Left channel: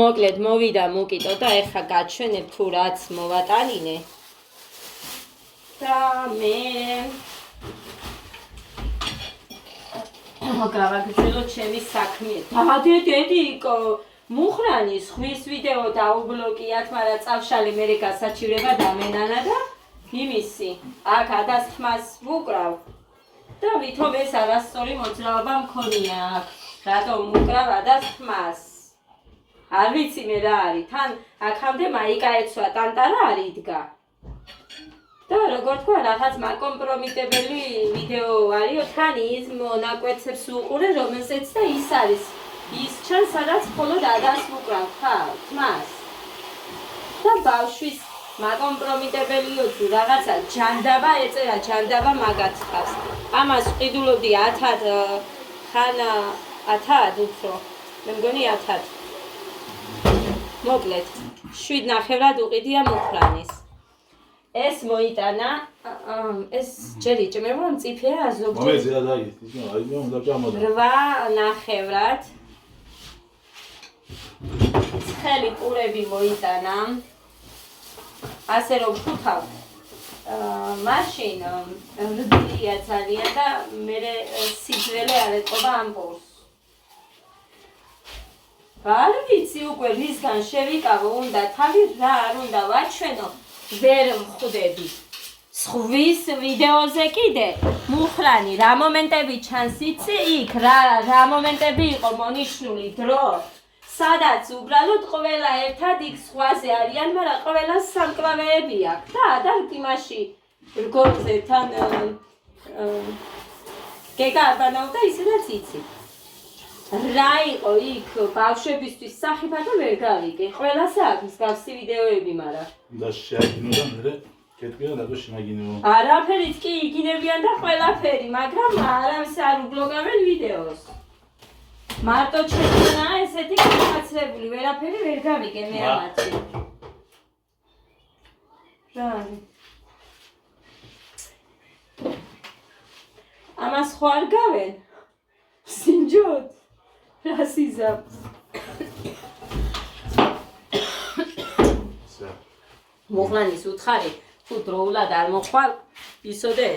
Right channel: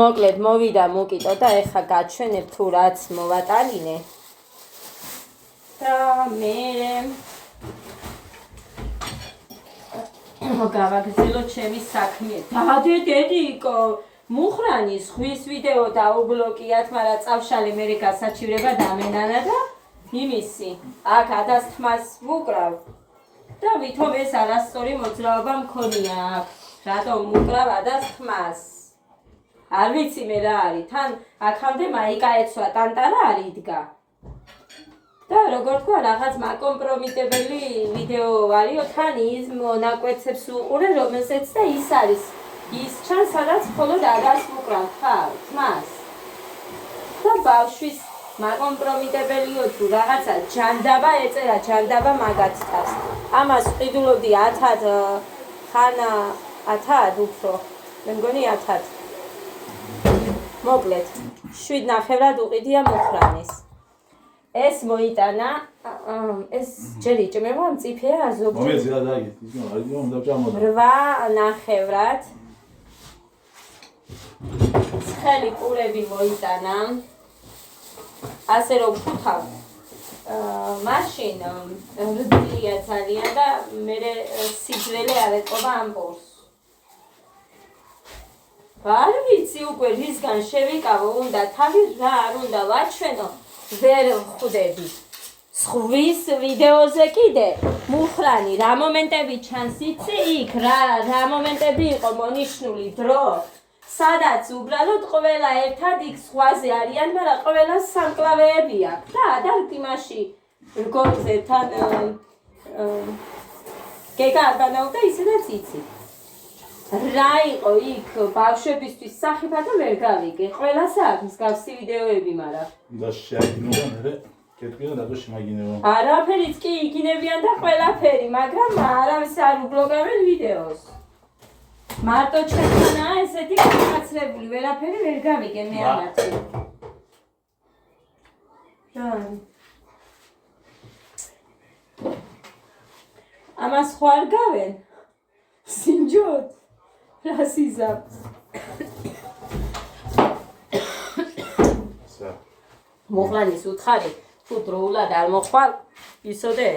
მოკლედ მოვიდა მოკიტო და ეხა გაჩვენებ თუ რაც მოვატანინე და მე გავაგრძელო ჩემი საქმე. დედიკო მუხრანი ხვის ვიდეო დაუბლოკიათ, მაგრამ წავშალი მე გასაჩივრება დამენანა და იმისი აქ ადასთმას ვუკრავ და ვითომ ეს არასწორი მოძრაობა მქონია აქ რატომ ვუკრავ ადასთმას არ ვიცი მე რა არის თან აქამდე მაიკა ეცვა ტანტარა არ იდგა და როგორ თქვა რაღაც მაკომპრომიტებელი ვიდეო არისო თან ის მონაკვეთებს უყურე რომელზეც და ის არის ის ჩანს სადაც მხოლოდ ადას ვუკრავ თმას და ბავშვის მაკომპრომიტებელიო თუ რაღაცა ჯანდაბა ეწერა ჯანდაბა მაგათთავს ამას ვყიდულობდი 10-ად ხან 10-ად უფრო მე მგონი 10-ად მოკლედ 7.5-ად უყიდია მუხრანის ეს მოიტანა ეს ჯერ იჭმება მწიფეა ზოგჯერ მომეძია დაიგეთ ის უნდა ჭამოთ 8.5-ად ცხელი პურები მოიტანა ასე რომ ვხუთავ მაშინ რბილია ძალიან და მე სიძველე არ ეტყობა ამ პურს არ ვიცი უკვე რისგან შევიკავო უნდა თავი რა არ უნდა ვაჩვენო ვერ ვხვდები სხვის ვიდეოზე კიდე მუხრანი რა მომენტები ჩანს იცი იქ რა მომენტები იყო მონიშნული დრო სადაც უბრალოდ ყველა ერთად იქ სხვაზე არიან, მაგრამ ყველა სამკლავეები აქვს და იმაში რგოლზე თან გეგა არბანავდა ისედაც იცი. რა იყო იქ ბავშვებისთვის სახიფათო ვერ გავიგე. ყველას აქვს მსგავსი ვიდეოები, მაგრამ და შეაგინო და მე კეთბიან რატო შემაგინებო. არაფერიც კი იგინებიან და ყველაფერი, მაგრამ არავის არ უბლოგავენ ვიდეოს. მარტო ჩვენთანაა ესეთი განაცლებული, ვერაფერი ვერ გავიგე მე ამათი. რა არის? ამას ხო არ გავენ? სინჯოთ? რა სიზაფს? მუხრანის უთხარი, თუ დროულად არ მოხვალ, ისოდე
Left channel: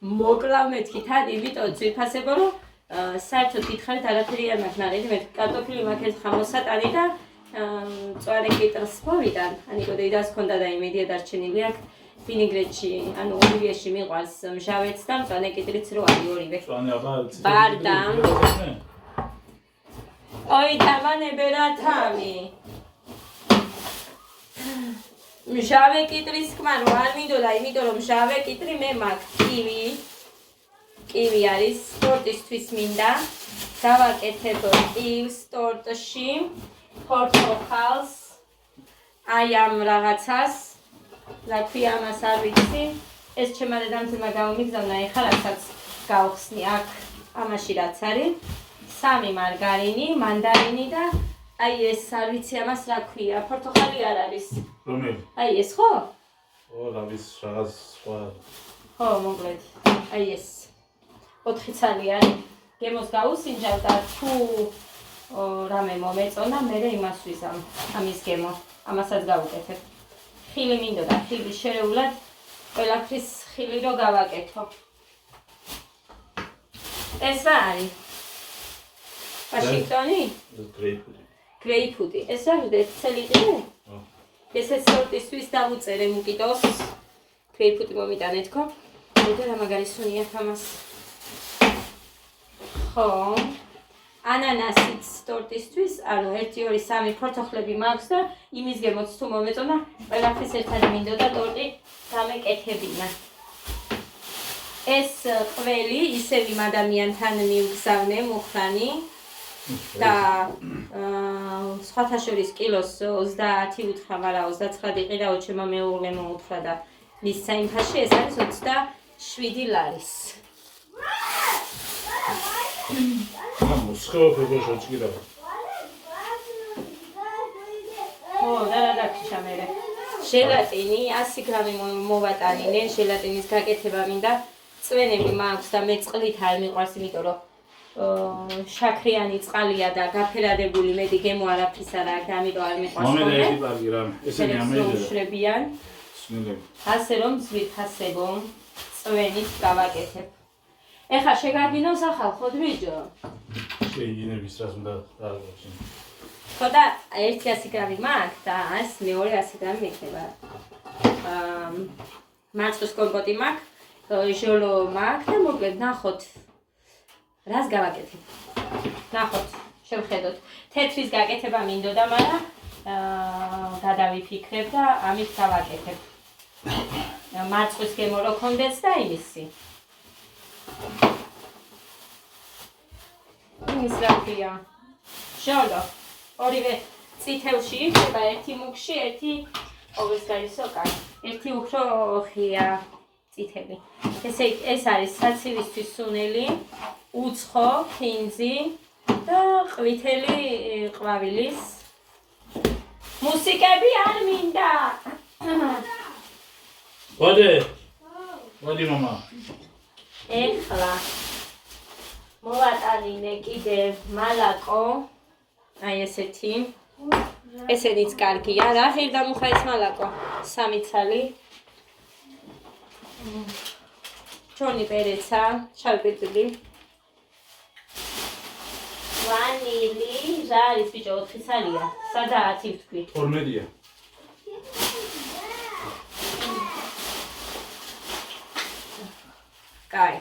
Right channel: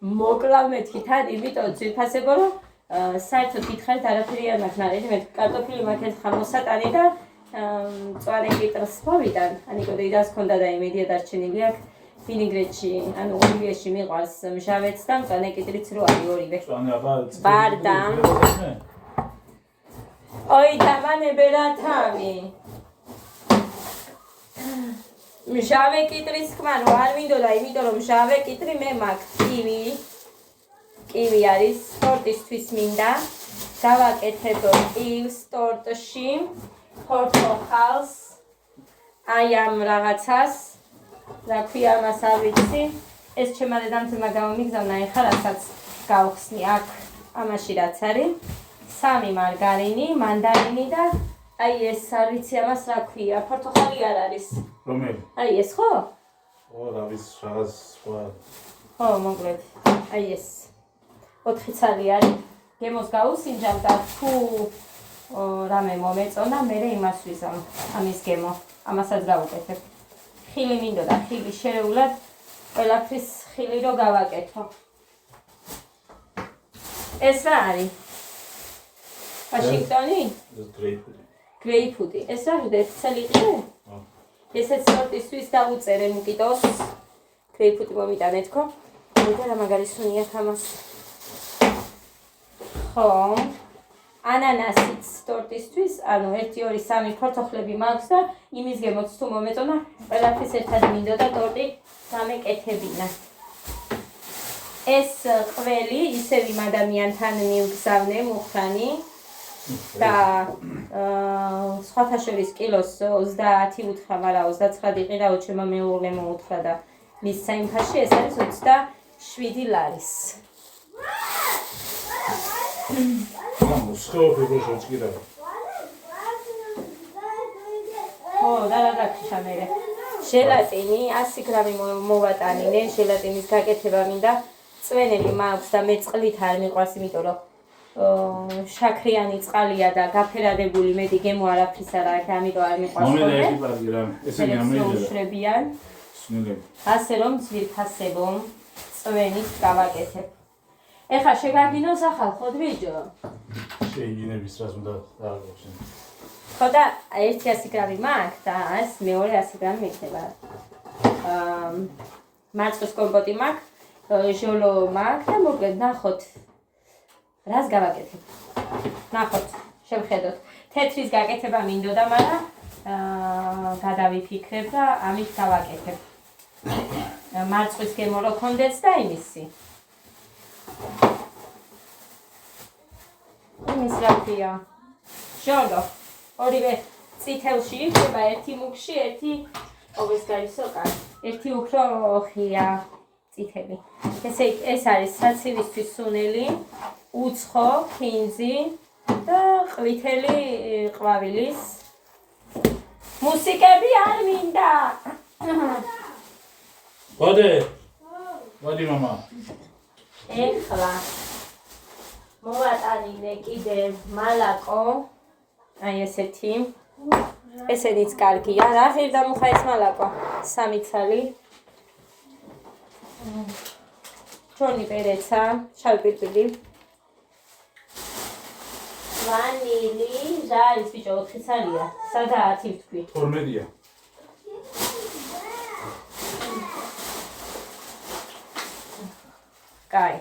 მოკლავ მეთქი თან, იმიტომ ძვირფასებო რომ საერთოდ გითხარით არაფერი არ მაქვს ნაყიდი მე კარტოფილი მაქვს ეს ხამოსატანი და მწვანე კიტრს მოვიდან ანიკო დედას ქონდა და იმედია დარჩენილი აქვს ვინიგრეტში ანუ ოლივიაში მიყვარს მჟავეც და მწვანე კიტრიც რო არის ორივე ბარდა ოი დამანებე რა თავი მჟავე კიტრის ხმა რო არ მინდოდა იმიტომ რომ მჟავე კიტრი მე მაქვს კივი არის სპორტისთვის მინდა გავაკეთებ კივს ტორტში პორტოხალს აი ამ რაღაცას რა ქვია მას არ ვიცი ეს ჩემმა დედამთილმა გამომიგზავნა ეხლა რასაც გავხსნი აქ ამაში რაც არის 3 მარგარინი მანდარინი და აი ეს არ ვიცი ამას რა ქვია პორტოხალი არ არის რომელი აი ეს ხო ო რა ვის რაღაც სხვა ხო მოკლედ აი ეს 4 ცალი არის გემოს გაუსინჯავ და თუ რამე მომეწონა მე იმას ვიზამ ამის გემო ამასაც გავუკეთებ ხილი მინდოდა ხილი შერეულად ყველაფრის ხილი რო გავაკეთო ეს რა არის ვაშინგტონი გრეიპფრუტი ეს რა ცელი ყიდე ესეც სორტისთვის დავუწერე მუკიტოს გრეიპფრუტი მომიტანეთ ხო და რა მაგარი სუნია თამას ხო ანანასიც ტორტისთვის, ანუ 1, 2, 3 ფორთოხლები მაქვს და იმის გემოც თუ მომეწონა, ყველაფრის ერთად მინდოდა ტორტი გამეკეთებინა. ეს ყველი ისევ იმ ადამიანთან მივგზავნე მუხრანი და სხვათა შორის კილოს 30 უთხრა, მაგრამ 29 იყიდა, ჩემმა მეუღლე მოუთხრა და მის საინფაში ეს არის 27 ლარის. მოსხეობებო შეჭირა. ო, და შამერე. ჟელატინი 100 გრამი მოვატანინე, ჟელატინის გაკეთება მინდა. წვენები მაქვს და მე წყლით არ მიყვარს, იმიტომ რომ შაქრიანი წყალია და გაფერადებული მეტი გემო არაფრის არ აქვს, ამიტომ არ მიყვარს მომედა ხოლმე. ერთი პარკი რამე. ესენი ამეჯერა. უშვებიან. სნელები. ასე რომ ძვირფასებო წვენით გავაკეთებ. ეხლა შეგარდინოს ახალ ხოდრიჯო. შეიგინების რას უნდა დააგვაჩინო. ხო და 100 გრამი მაქვს და ეს მეორე 100 გრამი მიქნება. მარწყვის კომპოტი მაქვს, ჟოლო მაქვს და მოკლედ ნახოთ რას გავაკეთებ. ნახოთ, შევხედოთ. თეთრის გაკეთება მინდოდა, მაგრამ გადავიფიქრებ და ამით გავაკეთებ. მარწყვის გემო რო კონდეც და იმისი. იმის რა ქვია? ჟოლო. ორივე წითელში იქნება, ერთი მუქში, ერთი ყოველსგარისო კარი. ერთი უფრო ხია წითელი. ეს არის საცივისთვის სუნელი, უცხო, ფინზი და ყვითელი ყვავილის. მუსიკები არ მინდა. მოდი მამა. ეხლა მოვატანინე კიდევ მალაკო. აი ესეთი. ესენიც კარგია. რა ღირდა მუხა ეს მალაკო? 3 ცალი. ჩონი პერეცა, შავი პირდილი. ვანილი, რა არის ბიჭო 4 ცალია. სადაა 10 თქვი? 12-ია. კაი.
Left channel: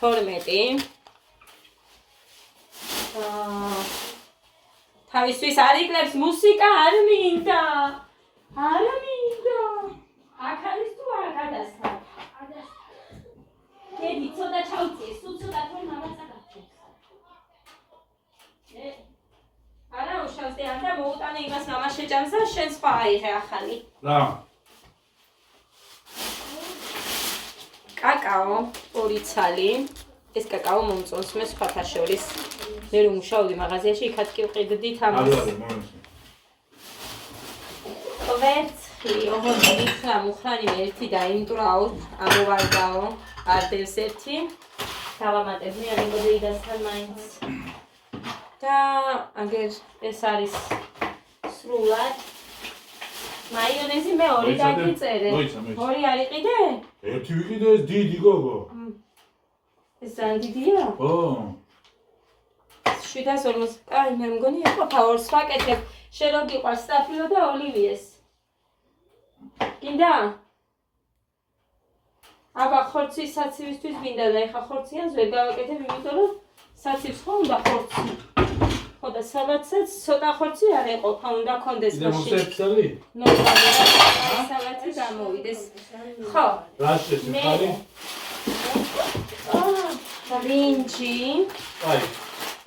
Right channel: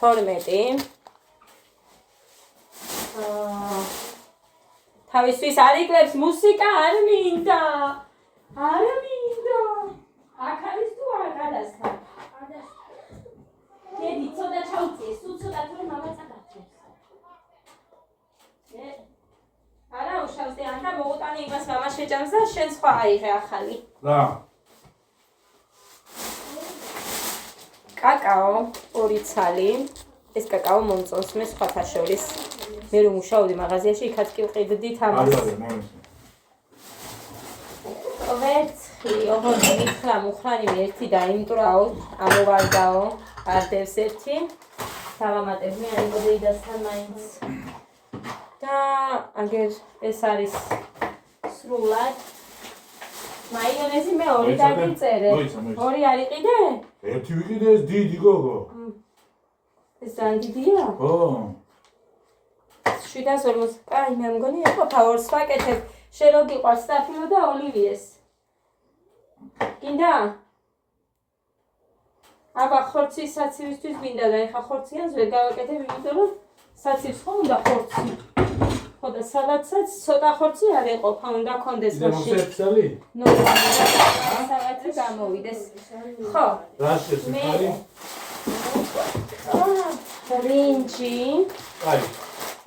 12. თავისთვის არ იკლებს მუსიკა არ მინდა. არ მინდა. აქ არის თუ არ გადასხდა? დედი ცოტა ჩაუწიეს, თუ ცოტა თორე მამა წაგაცებს. არა უშავს და ანდა მოუტანე იმას მამა შეჭამს და შენ სხვა აიღე ახალი. რა? კაკაო 2 ცალი. ეს კაკაო მომწონს მე სხვათა შორის. მე რომ მუშაობდი მაღაზიაში, იქაც კი ვყიდდით ამას. არა, მომეცი. კვერცხი, ოღონდ მითხრა მუხრანი ერთი დაიმტრაო, ამოვარდაო, არდევს ერთი. დავამატებ მე არ იმოდეიდასთან მაინც. და აგერ ეს არის სრულად. მაიონეზი მე 2 დაგიწერე. 2 არ იყიდე? ერთი ვიყიდე ეს დიდი გოგო. ეს ძალიან დიდია? ო. 750. აი მე მგონი ეყოფა 2-ს ვაკეთებ. შენ რო გიყვარს საფილო და ოლივიეს. გინდა? აბა ხორცი საცივისთვის მინდა და ეხა ხორციანს ვერ გავაკეთებ, იმიტომ რომ საცივს ხო უნდა ხორცი. ხო და სალატსაც ცოტა ხორცი არ ეყოფა, უნდა კონდეს მაშინ. მოსეცალი? ნორმალი და სალატი გამოვიდეს. ხო. რა შეცალი? ბრინჯი.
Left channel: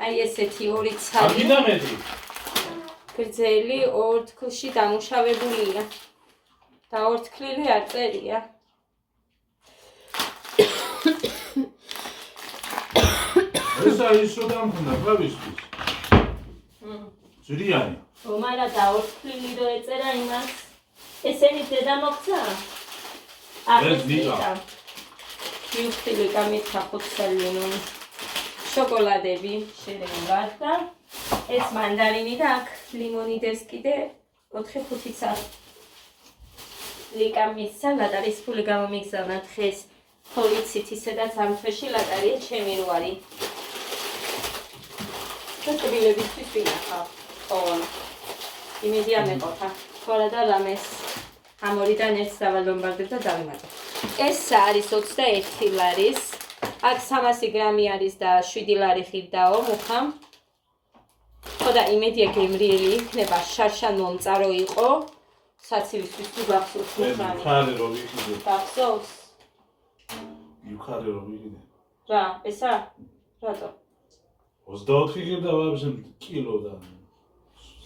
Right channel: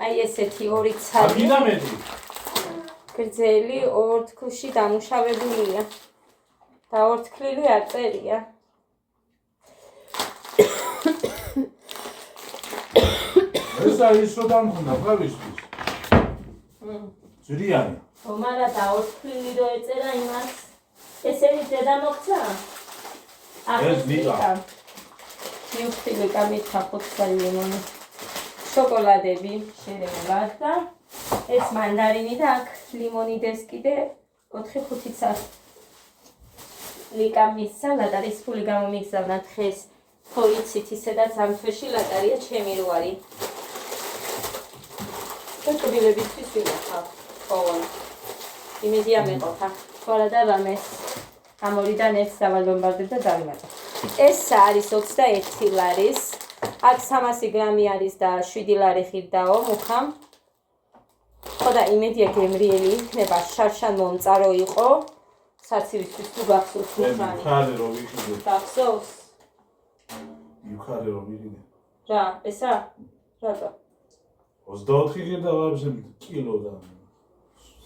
აი ესეთი 2 ცალი. მინდა მეტი. გრძელი 2 თქლში დამუშავებულია. და 2 თქლილი არ წერია. ეს არის რო დამქონდა კლავიშის. ძრიანი. მაგრამ და 2 თქლილი რო ეწერა იმას. ესენი დედა მოგცა? ეს დილა. მიუხვილი კამით ხაფოთსალინო. შოკოლადები შერეულად და ეს მანდარინი და აქ ლიმონი დევს კიდე 4-5 ცალი. ლიკამის სალატ არის ფული გამომიგზავნა დღეს. ხო იცით ისედაც ამ თვეში ლატარია ჩემი რვარი. და კბილებისთვის ვინახავ. ყოველ. იმედია მეყოფა. ხორა და რამეს. ამ ორიდან ერთს დავალბომბარდებ და დავიმატებ. ეს არის 21 ლარის. აქ 300 გრამი არის და 7 ლარი ხირდაო მუხა. ხო და იმედია გემრიელი იქნება, შარშან მომწარო იყო. საცივისთვის თუ გახსოვს მუხანი. ხარი რო ვიყიდე. გახსოვს? ხარი რო ვიყიდე. რა, ესა? რატო? 24 გირდა ვაბზე კილო და.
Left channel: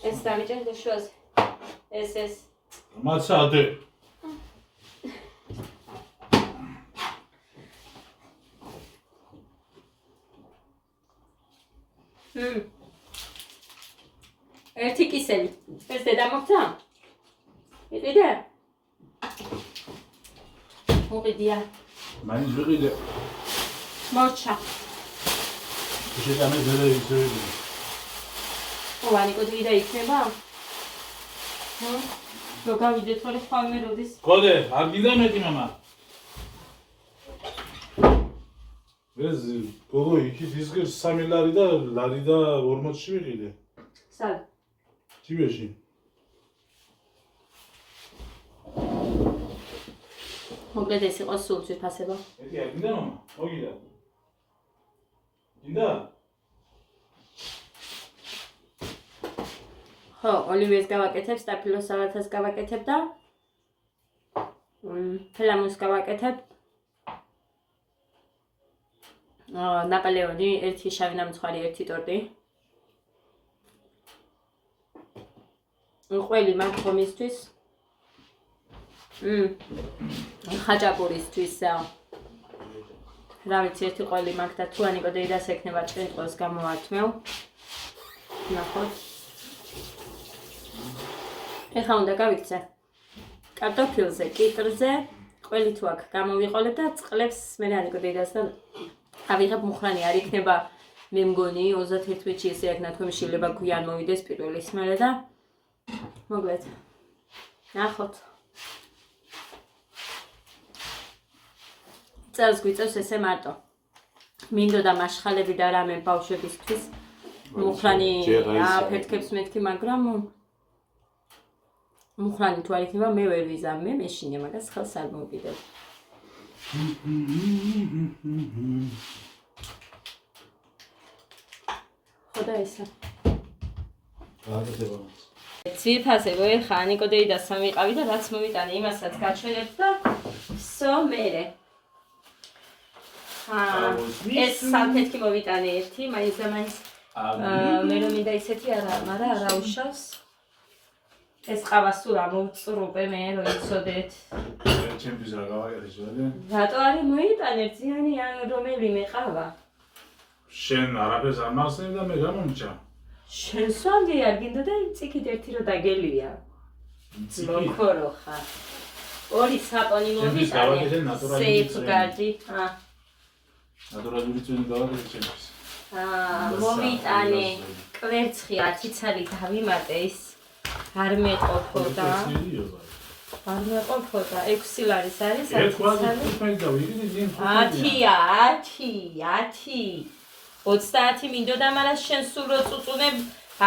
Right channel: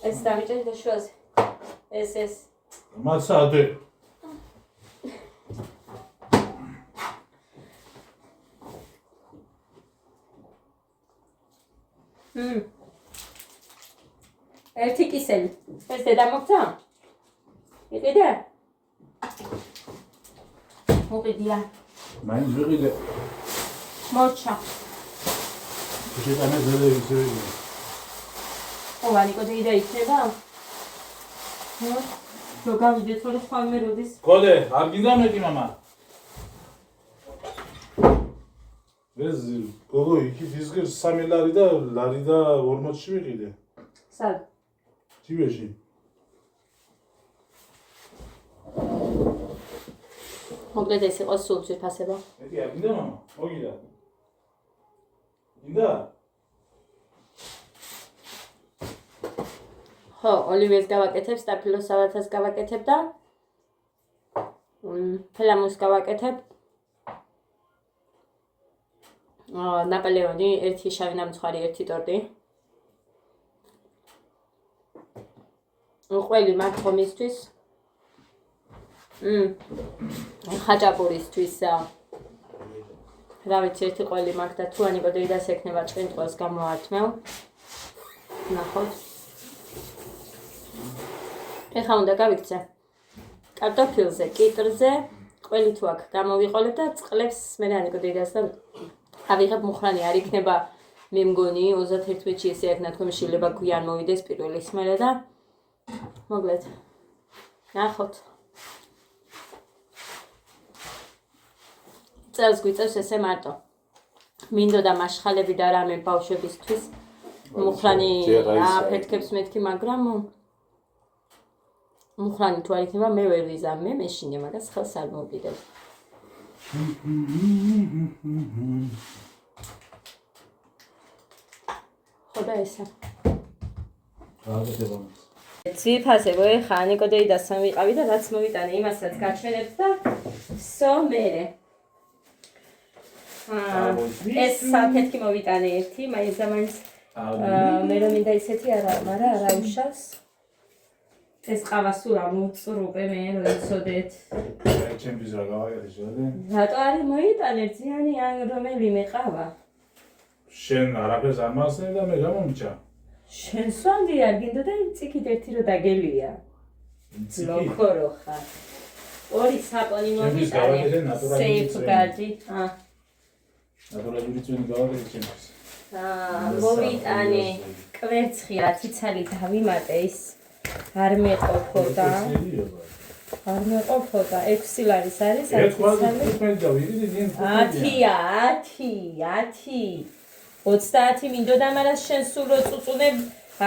ეს დავიჭერე შუაზე. ეს. მაცადე. ერთი კისელი. ეს დედა მოგცა? იყიდე? მოვიდია. მაინც ვიყიდე. მორჩა. შეტანე ზერე ისე. ვანიკო დეიდა იქნება? რო გავიდეთ ხოლმე ხვალმე როდის? გოდე, არ გინდა მეტი მამა. ეს გოგო იქით ისგერ 3 ლარი და 40-ში ვიყიდე. სად? ჯიბეში. მოკლედ ეს იყო სულ ძვირფასება. მეტი არ გინდა მამა? მოგიდა. გინდა? ხო, ოლივიეს გავაკეთებ, სტაფილოს სალათას გავაკეთებ და ფლამუს გავაკეთებ. ნაპოლეონი, ერთი შავი ნამცხვარი, ერთი ტორტი. ყველი მაგ ხომისთვის. ხაჭაპურისთვის. რა ვიცი, ერთი ყველი მაგ და თუ ანიკო დეიდას ექნება ჭყინტყელს გამოვართმევ. ნახოთ. ეხლა უნდა გავიქცე კარტოფილზე, კიტრზე, ყველი თუ აქ გამოვიყოლებ და წყლებს მე ანიკო დედას და ავიღებ მუხრანი არ იქნება მე მგონი 31-ში ესე აქ ნათქვამი შეიძლება გვიან მოვიდეს პირველი სმელა და მოკლედ ნახოთ წელს გვიწევს ესე მარტო მინდოდა მაშხალები და რამე ბავშვებისთვის მუხრანი აფეთქებს მეთქი მაგრამ მუხრანი თუ არ იქნება მე ვერ ვიზამე მე შინე მაგას ხელს არ მოვიდებ ხოდა ესა ძვირფასებო ეხა ანიკო დეიდას მოვიყავი და რაც მოვიტანე იმასაც გაჩვენებ და სო მერე ეს საფეთქი მოვიტანე ერთი მაინც და მაინც მე რომ მინდა ისეთი არა მაგრამ არა უშავს ეს ყავა სულ ამოვწრუპე მე რომ იცოდეთ ჩემთვის რა გავაკეთე შევადე რატო არის მოიტანე ძიანი რომელიმე ყავა შენ არაფერს არ მახსენებ და მე გამომჭა შენ სვანდი არ გინდოდა იმ წიქით ერთი რო დაგელია ლოქორო ხარ ორი საპონი მოვიტანე სეიფგარდი ნატურალური წვენი გავაკეთე ჩემთვის მოვიტანე კვერცხი 10 ცალი დავიმატე ის არ მეყოფოდა 6 ლარის არის 10 მინდოდა მაგრამ შენ სულ რო წუწუნებ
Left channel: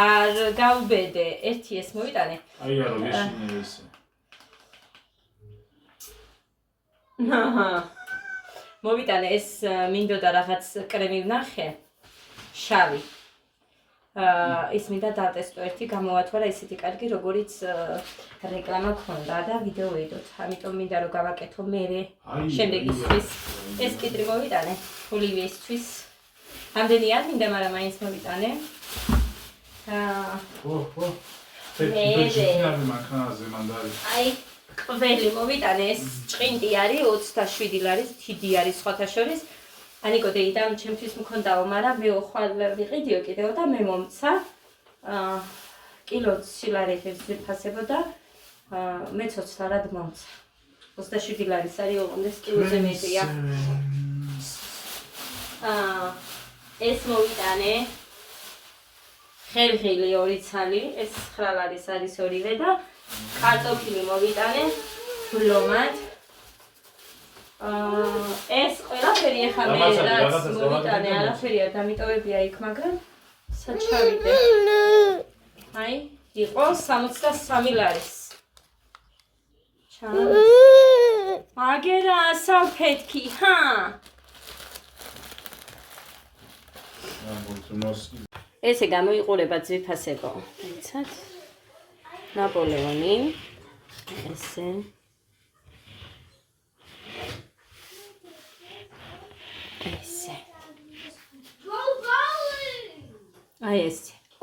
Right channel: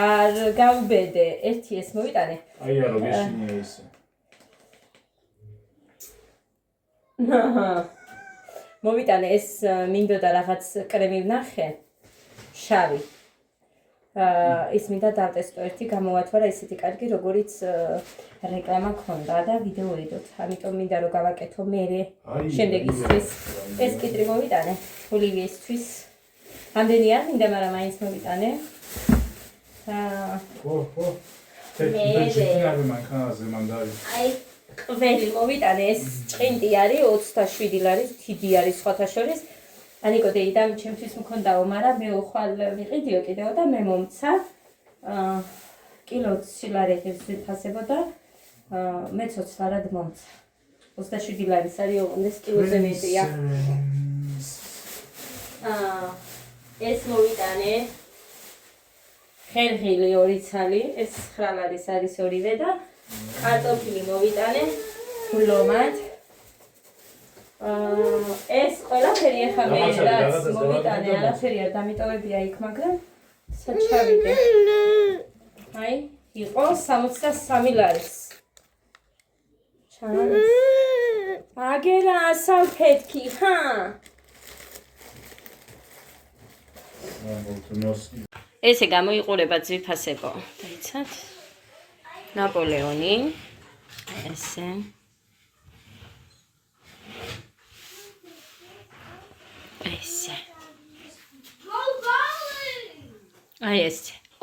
არ გავბედე ერთი ეს მოვიტანე აი არა ვეშინე ესე მოვიტანე ეს მინდოდა რაღაც კრემი ვნახე შავი ის მინდა დავტესტო ერთი გამოვათვალა ისეთი კარგი როგორიც რეკლამა ქონდა და ვიდეო ვიდოთ ამიტომ მინდა რომ გავაკეთო მერე შემდეგისთვის ეს კიტრი მოვიტანე ოლივიესთვის ამდენი არ მინდა მაგრამ მაინც მოვიტანე აი ყველი მოვიტანე ეს ჭყინტი არის 27 ლარი დიდი არის სხვათა შორის ანიკო დეიდა ჩემთვის მქონდაო, მაგრამ მე ხვალ ვიყიდიო კიდევ და მე მომცა კილო სილარეთებს ვიფასებო და მე ცოცხლად მომცა 27 ლარის არის ოღონდ ეს კილოზე მეტია ეს მოვიტანე ხერხილი 2 ცალი ეს 9 ლარის არის ორივე და კარტოფილი მოვიტანე ფლომად ეს ყველაფერი ახლა მე რაც მოვიტანე არაფერი არ დამიტოვებია იქ მაგრამ საჩავიდე აი იყო 63 ლარის ჩანს აგერა საფეთქი ჰა ესე გამოიყურება ძვირფასებო იცით ნაპოლეონი ესე ესე აი ეს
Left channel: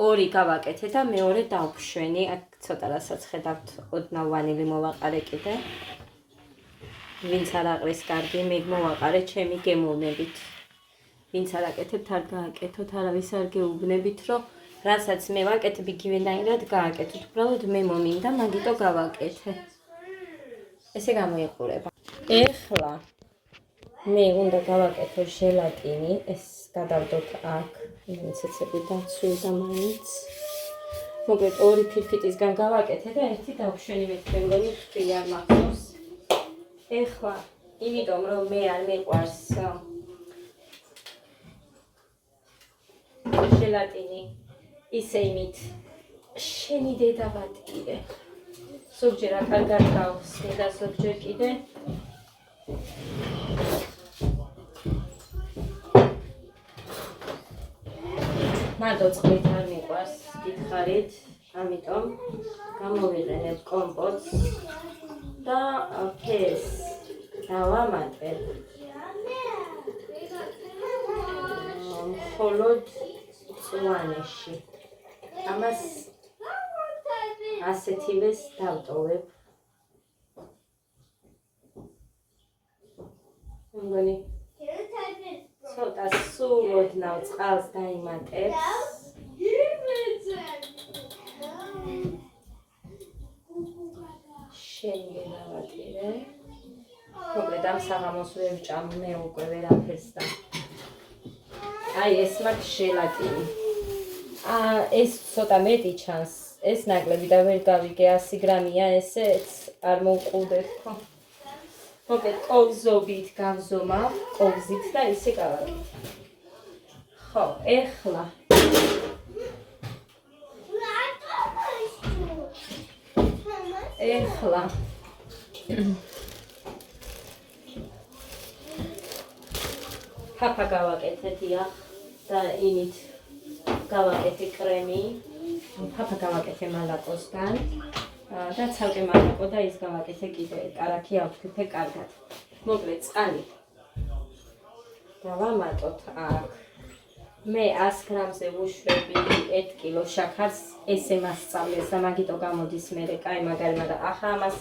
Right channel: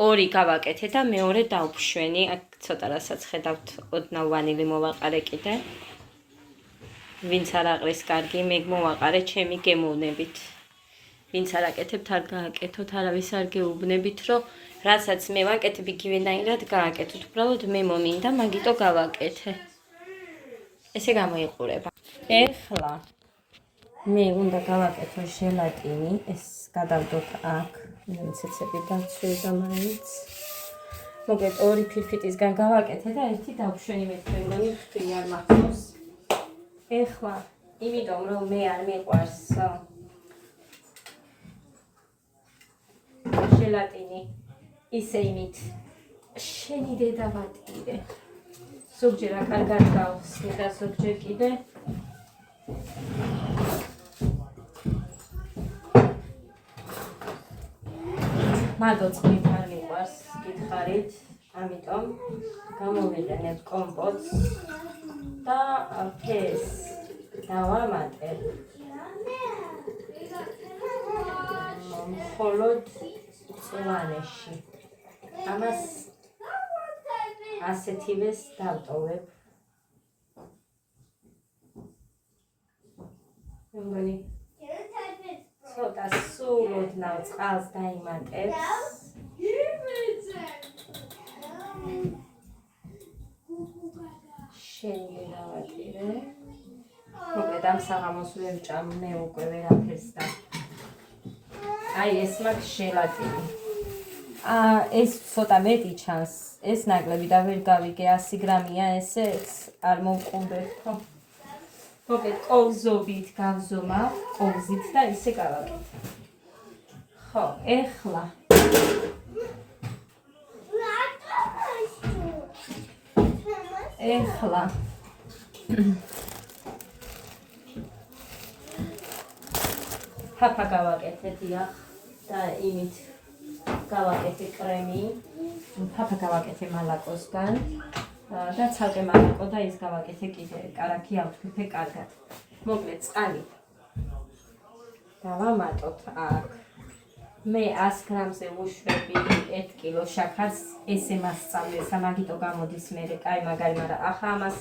ორი გავაკეთე და მეორე დავშვენი აქ ცოტა რასაც ხედავთ ოდნავ ვანილი მოვაყარე კიდე ვინც არ აყრის კარგი მე მოვაყარე ჩემი გემოვნებით ვინც არ აკეთებთ არ გააკეთოთ არავის არ გეუბნებით რომ რასაც მე ვაკეთებ იგივენაირად გააკეთოთ უბრალოდ მე მომინდა მაგიტო გავაკეთე ესე გამოიყურება ეხლა მე უნდა გავაკეთო ჟელატინი ეს გადავდოთ აქ მიცეცები დაცული და მაინც. მოკლედ ორი ფირფიტისგან გავაკეთე და ერთი დავშვენი მეთქე მგონი თქვი არ მახსოვს. ეხლა იმიტომ რომ მე არ მიყვარს ჟელატინი ისე იმით შენი დედა ვატირე. ზოგჯერ კარგად გავხსნე და ზოგჯერ კიდე მარტო წყლით არ მიყვარს გითხარით, ამიტომ გამოვიყენებ კომპოტს და ფეს დავამატებ. მხოლოდ წვანეში. ამას ასეთივეს დავტოვებ. მგონი ცოტა სულ ოდნავ წყალს დაიმატებს. შენი დავატირე. მოკლედ ამ საღამოს ვერ ვჭამ მე უკვე ვერაფერს და აი ეს მაქვს ჟელატინი. ეს ცოტა მეტი ჩანს. ეს ნაკლები და ვერ გავიგე 100 გრამია ესეც არ მოვყუდეთ ხო. მოკლედ კოვზობით გავზომავ, კოვზით და ისე გავაკეთე. ხო, ეხლა ფაფა გავაკეთე დიახ და იმით გავაკეთე კრემი. ფაფა გავაკეთე მალაკოსგან და ცალკე მალაკო და ის გავაკეთე კიდე კარაქი ავთქიფე კარგად. მოკლედ წყალი დავამატოთ აქ. მე 100 გრამზე ვუშვები 1 კილო შაქარს, ესე მასწავლეს და მაგიტო გამოდის მერე კაი მაგარი, მაგრამ ახლა ამას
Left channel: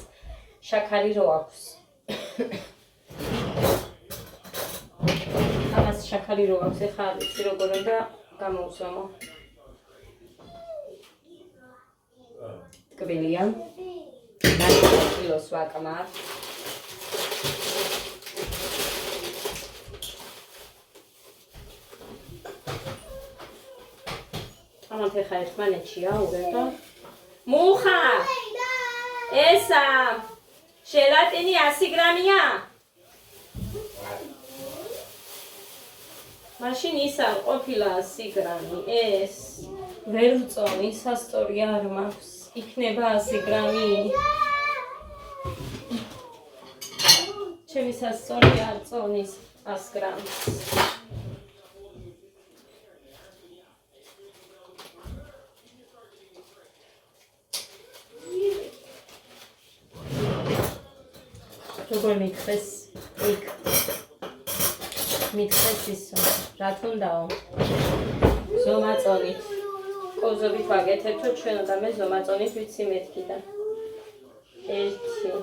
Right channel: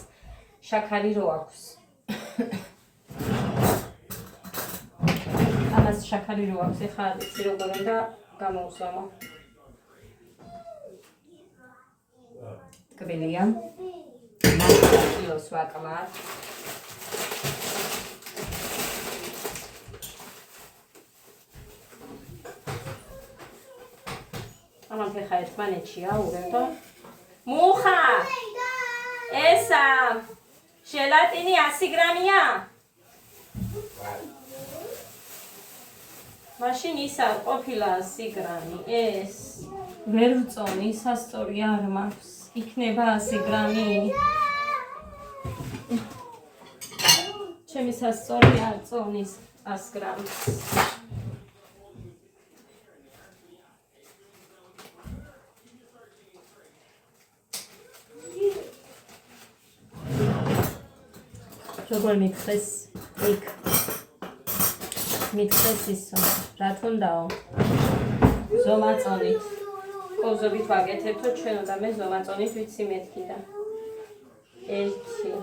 შაქარი რო აქვს. ამას შაქარი რო აქვს, ეხლა იცი როგორ უნდა გამოვზომო. ტკბილია. კილოს ვაკმარ. ამათ ეხა ერთმანეთშია ურევდო. მუხა! ესა! ჟელატინი 100 გრამია? მაშინ ის არ ყოფილა 100 გრამი. ეს ვერ ვწონი, სასტორი არ მაქვს. იქნება 100 გრამი. ჩემი სასტორი არ წონის 100 გრამს. როგორ მითხეს იქ მითხეს ისო რა თუნდაო ზომაწონით კოზობით ვაკეთებ თუ ჩვენ უნდა მე ზომაწონით ვიცი მეთქი და 1 2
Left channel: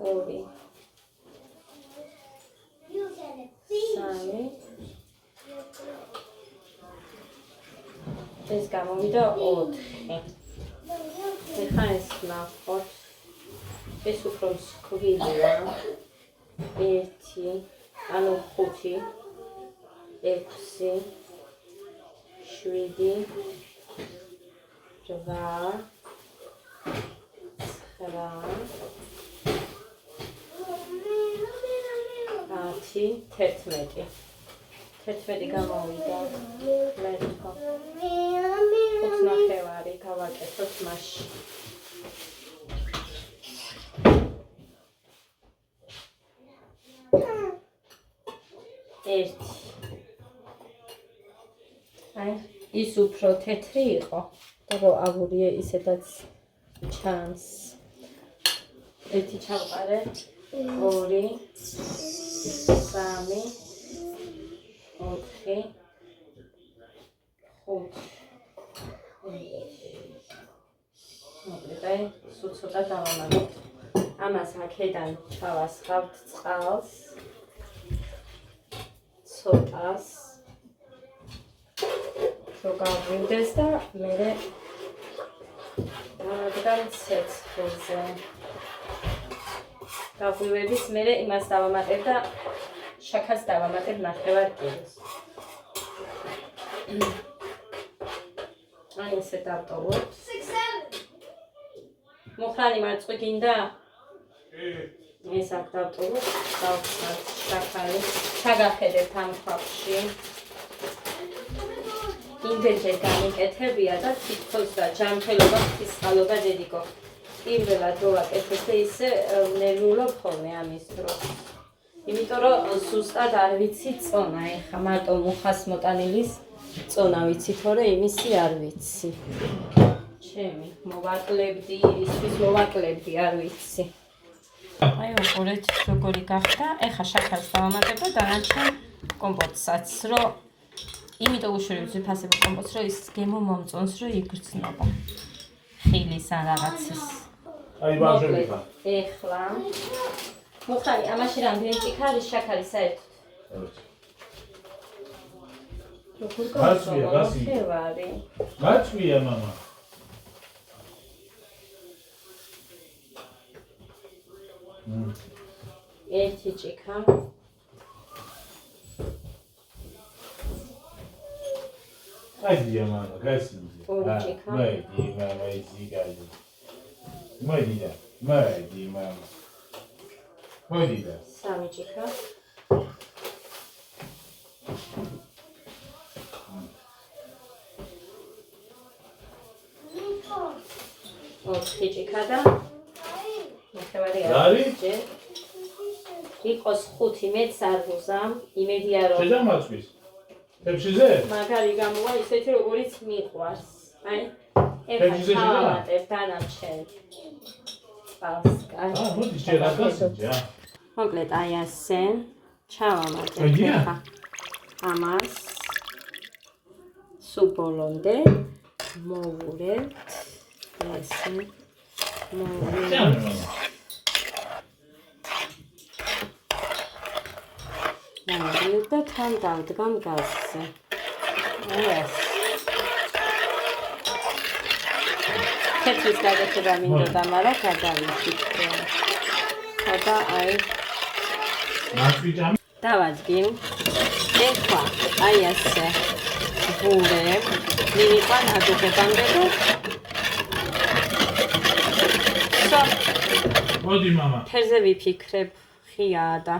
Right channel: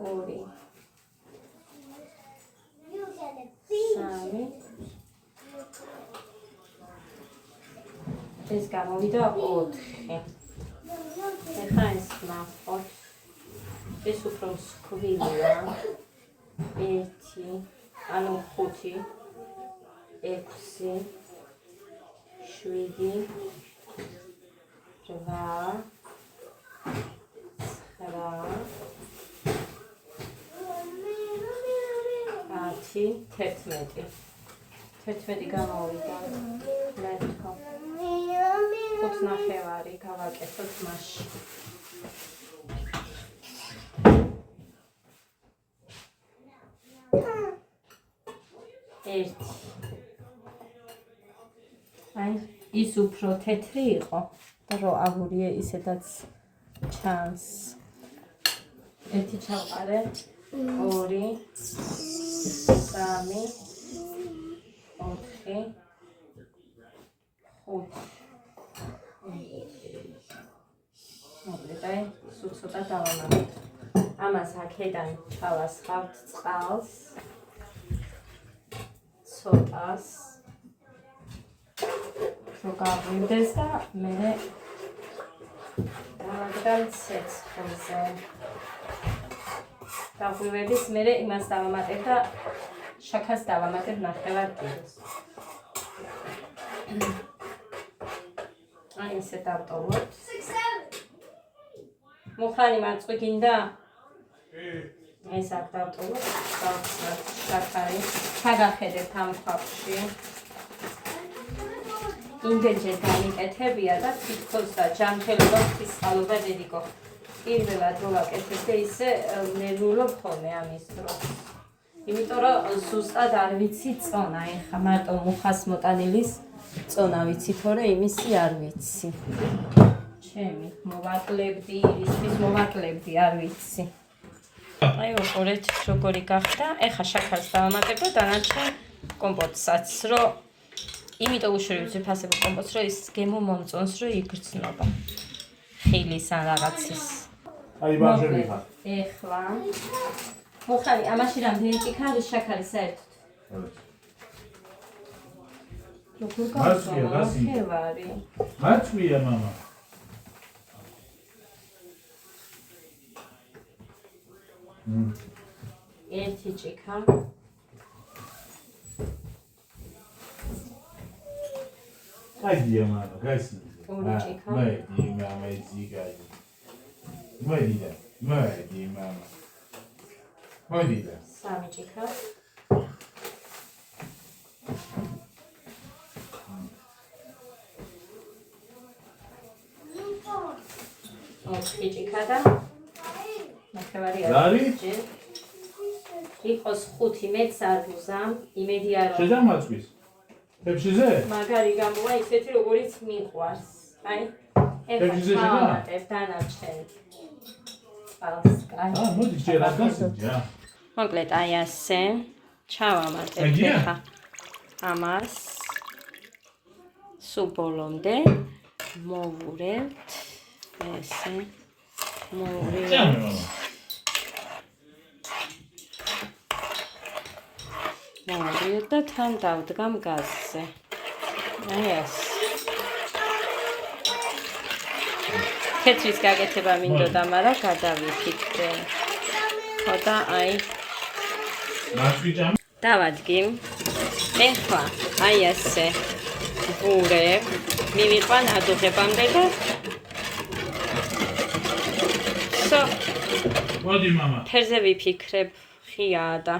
3 ეს გამოვიდა 4 ეხლა ეს ნახოთ ეს უფრო სკვილია 1 ანუ 5 6 7 8 9 11 გამოვიდა მეთქო 5 ნახევარი გავაკეთოთ მასში აი ის უფრო თეთრი იყო და რო აგურია ისედაც ჩანს. 1 ჩავყარე 2 3 4 5 მოკლედ აი სულ ცოტა დავამატებ. ამას აქედან ჩავასხავთ წყალს ცოტას რო გავვიდეს და მე დავაგდან ცეცხლზე. დაგვივედის მე იმას დავამატებ და შაქარს დავამატებ ნახევარ კილოს. აი ესე დავტოვოთ. მუხრანი მარწყვი გინდა? ეს აქ დავტოვოთ. დავხსნათ შაქარი. საგახედეთ ამ ფაფში. იმდენჯერ გამიკეთებია და თითქოს და ჯანმრთელობა ფისხალობა დედიკო. პირველად რო ვაკეთებ და ისე ნერვიულობ ხოლმე ამის დროს. იმიტომ რომ ზუსტად არ ვიცი წონა, ეხა მარტო მუხას მოტანილის წონა ვიცი, თორე იმისი არ ვიცი. ჩემი მოვაკლებდი, ისთვის მოვაკლებდი, არ ვიცი. აი უყურეთ როგორი გახდა. ეხა შაქარს დავამატებ და დანარჩენ კომპოტსაც, რომ იმიტომ უშუალოდ ვიფასებ კომპოტს, რომ ის გემო მომწონს, რომ იგრძნობა. ხილის ან რაღაცის. აი ბავშვები ხარ. ეხლა მუხრანი, ამაში რამდენი წიქა არის შაქარი საერთოდ? როგორ გავხსოვარი? მაწვია მამა. ერთი ჭიქა. გაიდია მამა, გასიდი. ორი ჭიქა. მედი მამა ისი გაიდი. მოდიდა, მოდი მამა. მოდიდა. სამი ჭიქა. ოთხი ჭიქა და ნახევარი არის. იყოს 5 მეც არ ვუზამ, იმედია რომ შედამაწვის. ფებშიზე? მაგარი გამოვა ისეთი როგორიც მიყვარს. აი, ფებშიზე შედა? ავამატებ დანარჩენ. პალსკა. მოდი ჯერა გასიჯა. მოკლედ აი ასე ჩავამატებ ხა. ამას სულ ბოლომდე მოვურევთ. ესე მოვურევთ. და თან დავდგამ გაზზე. აი ასე. თეთრის გაკეთება მინდოდა, მაგრამ გადავიფიქრე. ხოდა აი მაწვიჭამ. დავადგი. ეხლა აი ასე. ვურევ. მივიყვან ადუღებამდე და მოდი მამა. ფერზე ვიფიქრებ, ხიაა და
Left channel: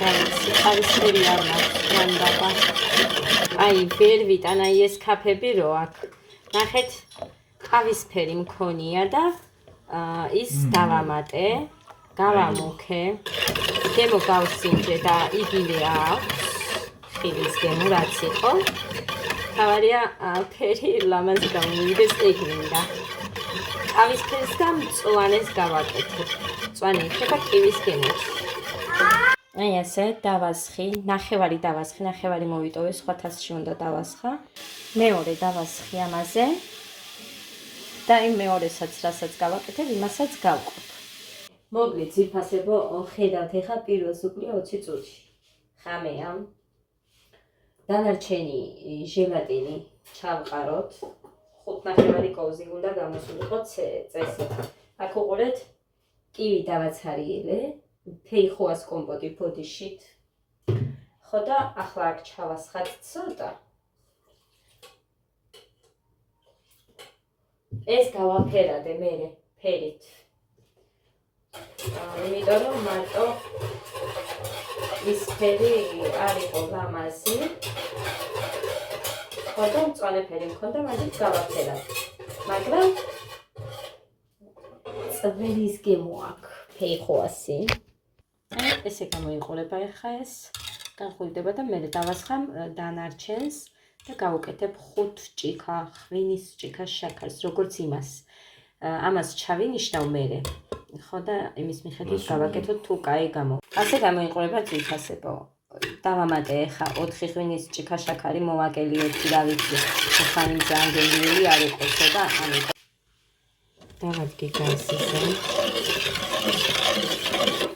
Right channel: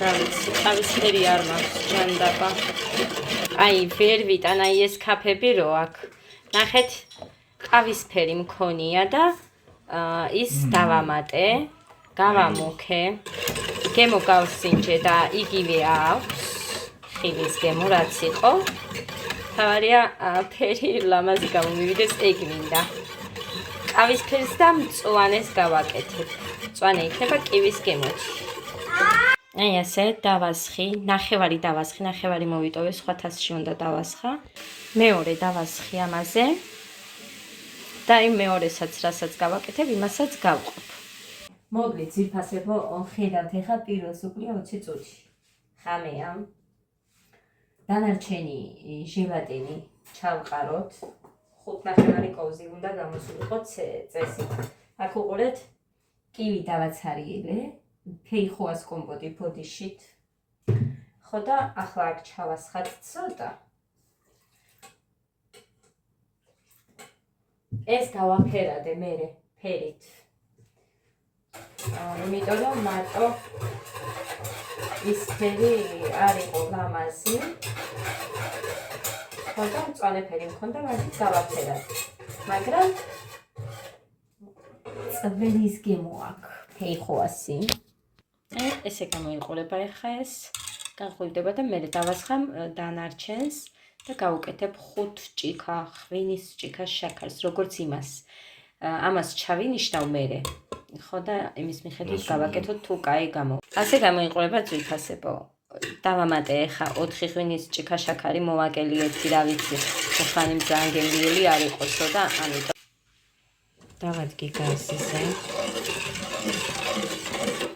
თავისფერი არ მაქვს ჯანდაბა. აი ვერ ვიტან აი ეს კაფები რო აქ. ნახეთ, ყავისფერი მქონია და ის დავამატე, გავამუქე. გემო გავსინჯე და იგივე აქვს. ხილის გემო რაც იყო. თავარია ფერი ლამაზი გამომივიდეს ეგ მინდა. ყავისფერს და მწვანეს გავაკეთებ. მწვანე იქნება კივის გემოც. აი ასე დავასხი, ნახევარი დავასხი, ნახევარი მოვიტოვე, სხვა თასში უნდა დავასხა. მეორე დავასხი ამაზე. და იმ მეორესაც რასაც გავაკეთებ, იმასაც გავყოფ. მოკლედ ძირფასებო ხედავთ ეხა პირველს უკვე 20 წუთში. ხამეა. დანარჩენი ჟელატინი ჩავყაროთ. 5 ნახევარი კოვზი უნდა გამოსულიყო წესი. აქ უყურეთ კივი დავაცარიელე. ფეიხოას კომპოტი ფოდიშით. ხო და ახლა აქ ჩავასხათ ცოტა. ეს გავაფერადე მერე ფერით. იმიტომ რომ მარტო ის ფერი არ იყო ლამაზი. ხო და მწვანე ფერი მქონდა, მაგით გავაფერადე. მაგრამ წველის გემო აქვს ფეიხოასი. ესე გამოიყურება ეხა ეს განხույდება და მე დავასხამ დანარჩენს და გავუკეთებ 5 ჭიქა ღვინის ჭიქა შაქარს როგორც იმას. ამას ჩავინიშნავ მერე. ხო და იმის მიხედვით გავაკეთოთ თუ კაი გამო. ასე გამოიყურება ძვირფასებო. დავამატე ეხა 4 ღვინის ჭიქა შაქარი მოვაკელიოთი რა ვიცი. ხანი ძალიან გემრიელი არ იყოსო და ამიტომ დავადგე გაზზე.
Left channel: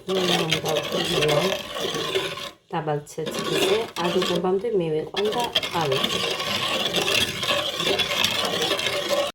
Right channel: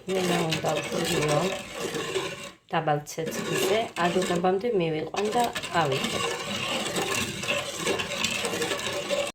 უნდა ვქვილო დაბალ ცეცხლზე ადუღებამდე მივიყვან და ავიღე.